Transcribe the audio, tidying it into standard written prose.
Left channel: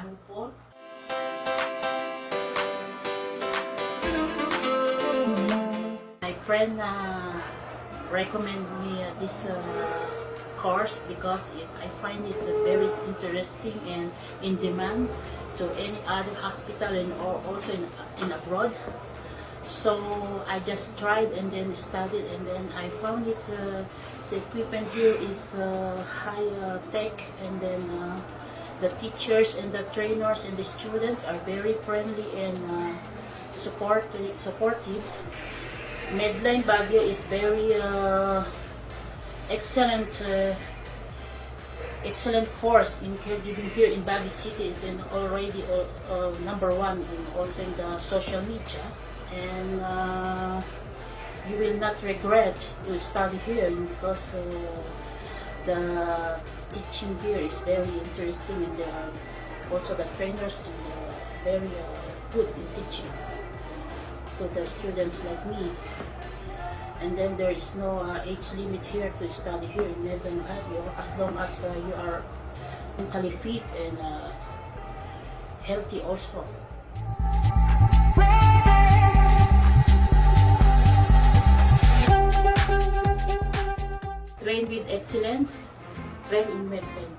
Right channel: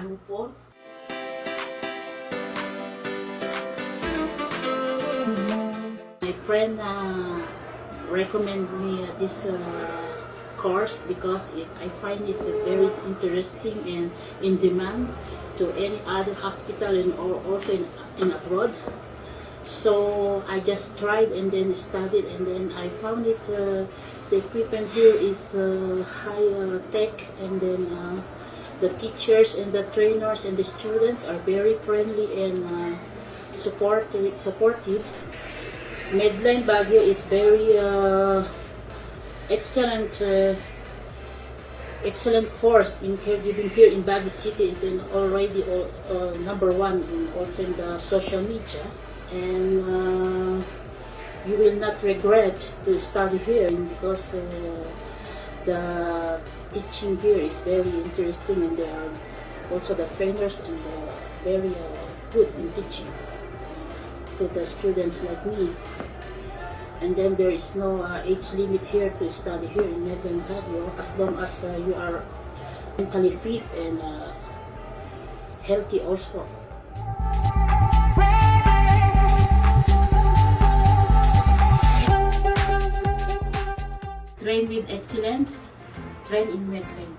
Anupol. My friend recommended me this course because I find it very interesting and in demand to any other hospital and also in abroad. So I just tried and then studied, and then I found it the equipment here is high tech, and then the teachers and the trainers and the students are very friendly and supportive. Medline Baguio is very excellent course in caregiving here in Baguio City. Is already #1 also in the social media, and you will not regret to study here because the teaching here is very interesting, and also the trainers and very good in teaching to the students like me. And then there is no age limit here to study here in Medline Baguio, as long as you are mentally fit and healthy also. Train with excellence, train in Medline.